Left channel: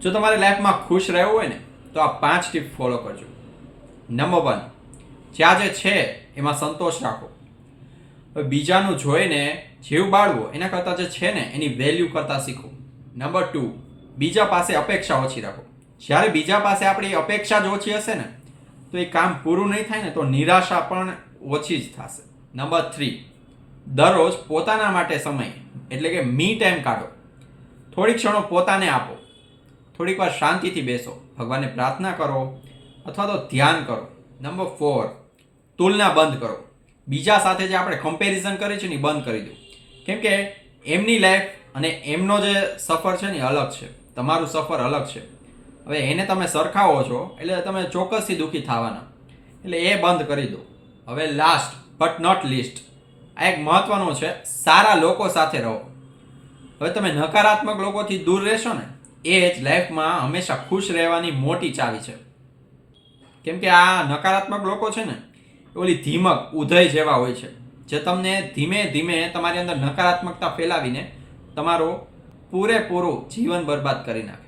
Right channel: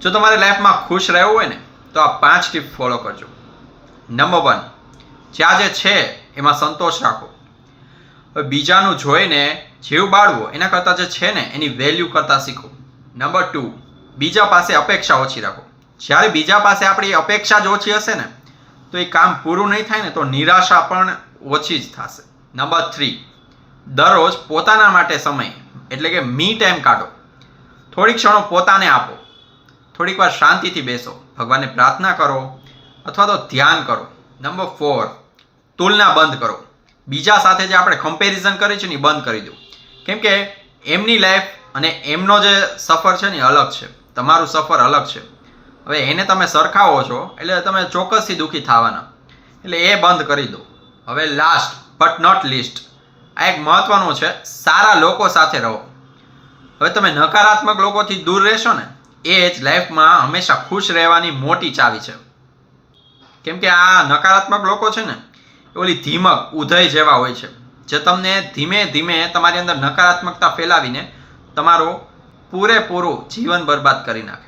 જો તમારી લાઈફમાં ખુશ રહેવું હોય ને તો આ 5 ટિપ ફોલો કરજો. નંબર 1, જ્યાં જે છે એમાં સંતોષ રાખો. હવે બીજાનું જોઈને જીવ બાળવો એના કરતાં જે છે ને એની વેલ્યુ કરતાં શીખો. નંબર 2, બીજા પાસે અપેક્ષા ઓછી રાખો. જ્યારે બીજા પાસે આપણી અપેક્ષા જ ઓછી હશે ને તો એ કામ પૂરું નહીં થાય ને તો નિરાશા પણ ઓછી જ થશે. નંબર 3, દરરોજ પોતાના માટે સમય એટલે કે મી ટાઈમ કાઢો. થોડીક ક્ષણો પોતાને આપો. થોડીક વાર શાંતિથી બેસો, ભગવાનને પ્રાર્થના કરો અથવા તો ધ્યાન કરો. નંબર 4, તુલના બંધ કરો. બીજા સાથે જે આપણે કમ્પેરિઝન કરીએ છીએ ને એ બંધ કરી દો. કેમ કે એમની લાઈફ અને એમનો જે સફર છે ને એ અલગ છે, તમારું સફર અલગ છે. હવે એને તમે સરખાવો છો એટલે તમે ચોક્કસથી દુઃખી થવાના, એટલે એ બંધ કરી દો. હવે લાસ્ટ બટ નોટ લીસ્ટ, આ એક મહત્વનું છે, સારા લોકો સાથે રહો. હવે તમે નકારાત્મક લોકોથી દૂર રહેશો ને એ જ લાઈફમાં હંમેશા ખુશ રહેવાની મોટી ચાવી છે. કેમ કે આ નકારાત્મક લોકો છે ને એ ઓલી ધીમક ઉધઈ જેવા હોય છે, જે તમને ધીમે ધીમે તમારી અંદર નકારાત્મકતા ફેલાવીને તમારું પૂરેપૂરું જીવન બરબાદ કરી નાખે.